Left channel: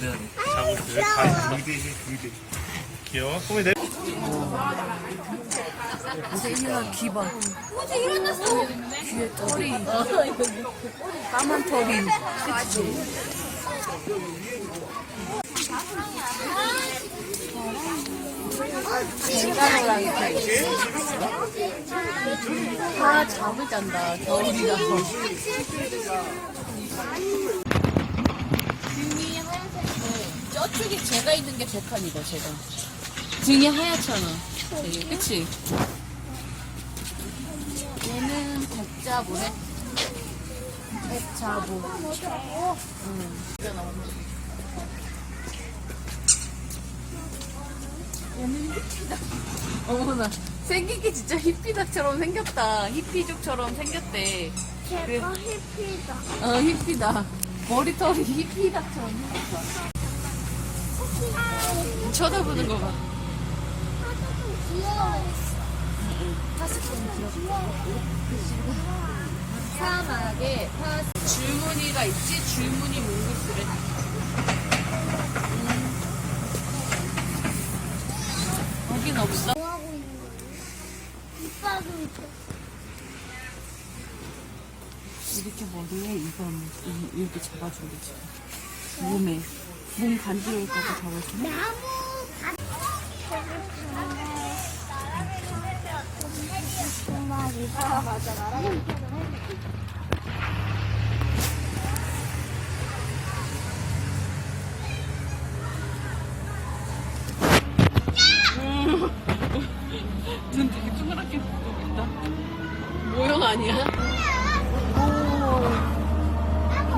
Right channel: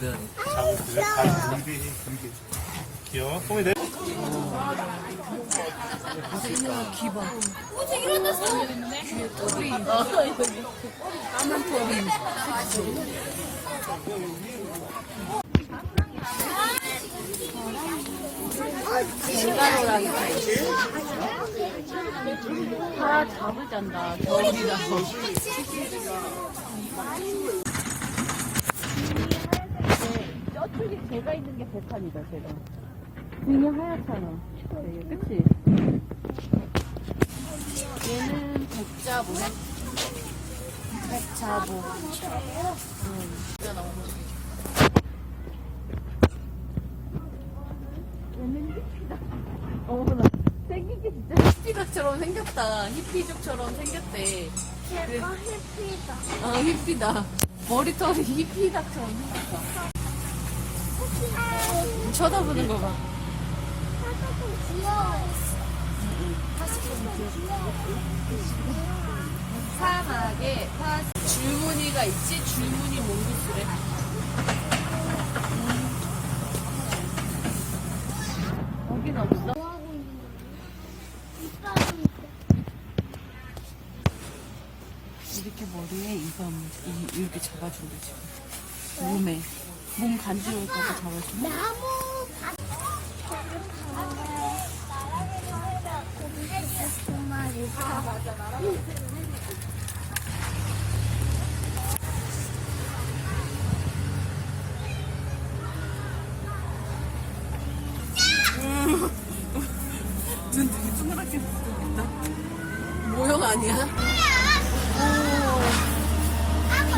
작업을 VD. 귀여워. 소미 내. 생각 기반. 꼬리. 까만 털이. 다 잡을 잔다. 저쪽이 제가 있는 게 백한이고 제가. 등이 하얗잖아. 되게, 그치? 얘는 백자보네. 백자보. 얘는 히피다. 어머나. 생긴 게 진짜 히피다처럼 생겼다. 히피족처럼 생겼대. 걔도 히피다. 히피다. 머리털이 히피다처럼 생겼다. 쳐다보는 거 봐. 사실 좀 귀여워. 사실 좀 귀여워. 사막에 줄무늬가 있지? 줄무늬 몽구스래. 여긴 없어? 이렇게 머리에 이밤 이렇게 잡아준대 지금. 몸 간지러울까봐 잡아주네. 나무 두 마리. 맞아. 눈 되게 동그랗게 뜨겠다. 모형 아니야? 오,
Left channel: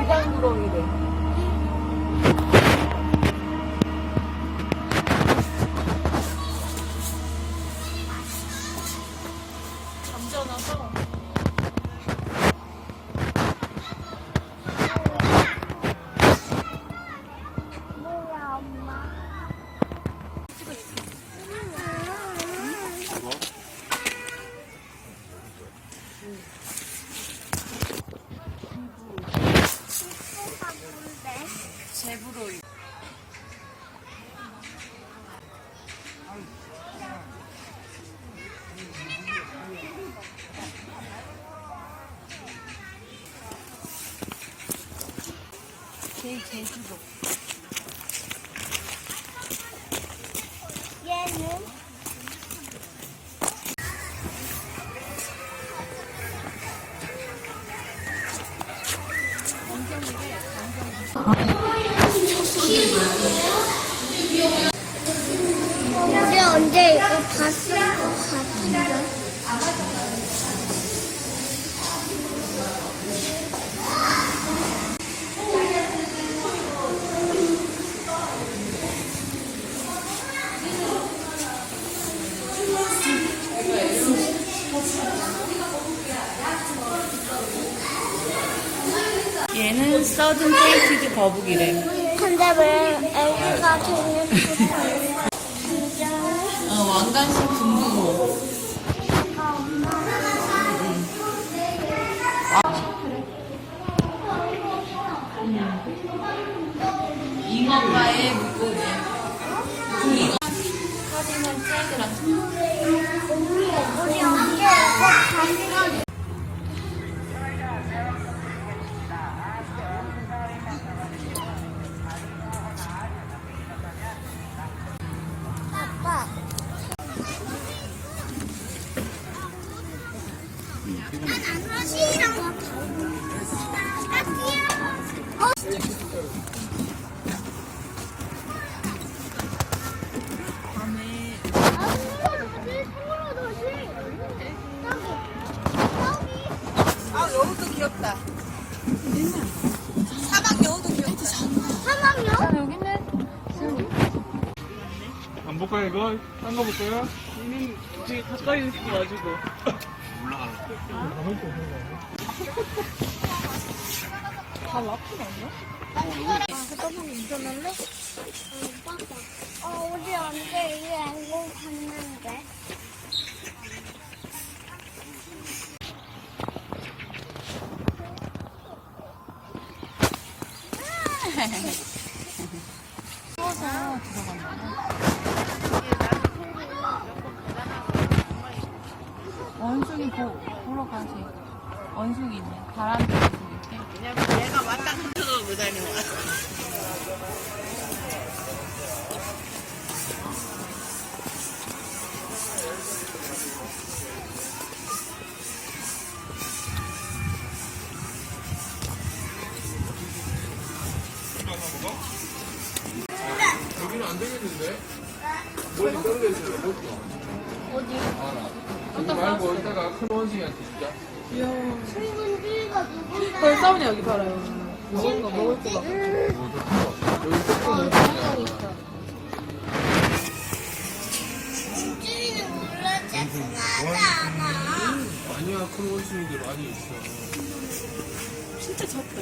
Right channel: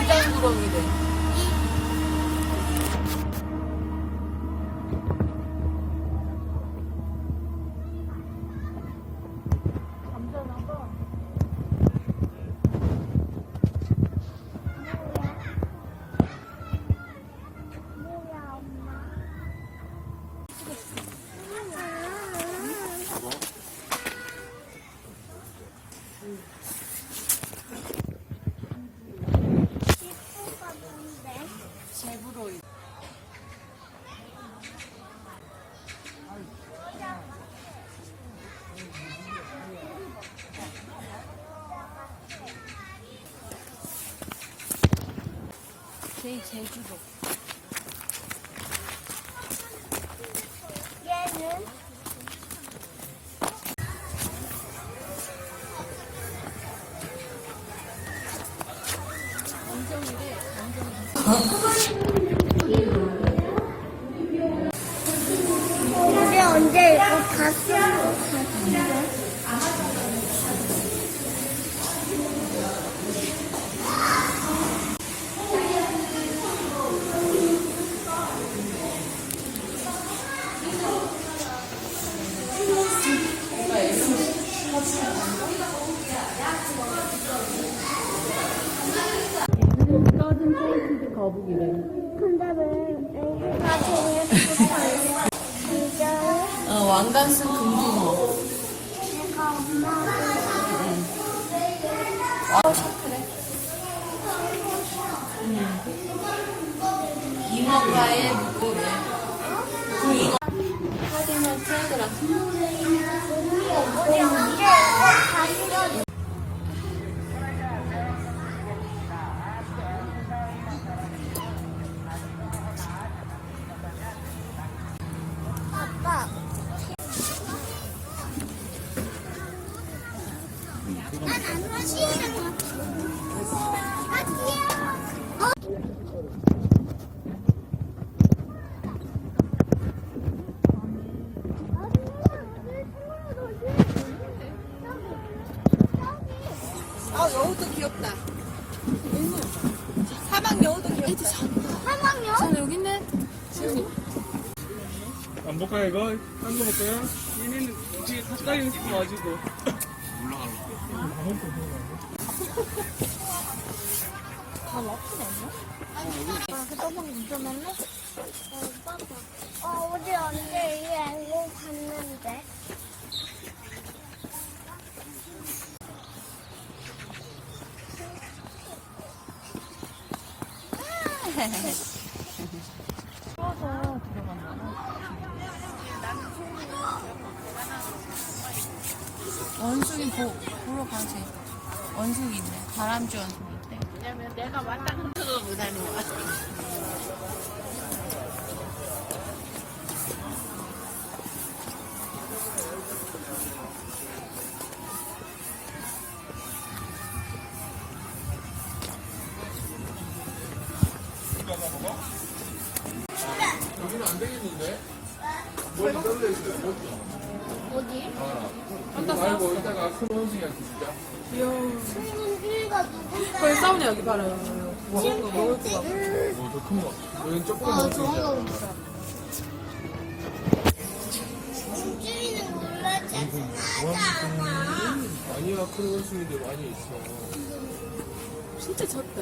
비단구렁이네. 잠자나서. 뭐야, 엄마? 제브로. 제주도. 얘는 우리 언제 이거 다 쓴 거 같은데? 얘는 서든 페이티드 거북이래. 근데 왜 애기가 저거 붙어 있어? 진짜요? 왕관식 둥둥어. 얘가 엄마는 잉어과의 물고기. 잉어. 카디널 트레드라. 우리 언제 이거 다 쓴 아빠. 시랑 여우도 귀엽다. 사막 여우? 여기 있네. 시원이. 안 볼까요 이거? 딴 거 볼까요? 얘는 되게 가까이 있어가지고. 다 라푼 아니야? 운전할래? 우리 언제 이 앵무 봤는데? 숨어서 들어간다 봐. 원숭이 보러 가지. 원숭이 있네. 다람쥐 보일게. 왜냐면 얘가 왔다 갔다 못 다녀. 여기는 안 되겠는데? 머리 떨려 있어요. 어디? 이거 말고 이따가 큰 원숭이한테 주자. 친구들과 누군가. 그걸 싸우냐 여기 봐라요. 먹을 거 먹을 거. 좋아하고 있어. 준준이는 몰랐지 않아. 아니야, 큰 원숭이들 많이 있어. 진짜 작다.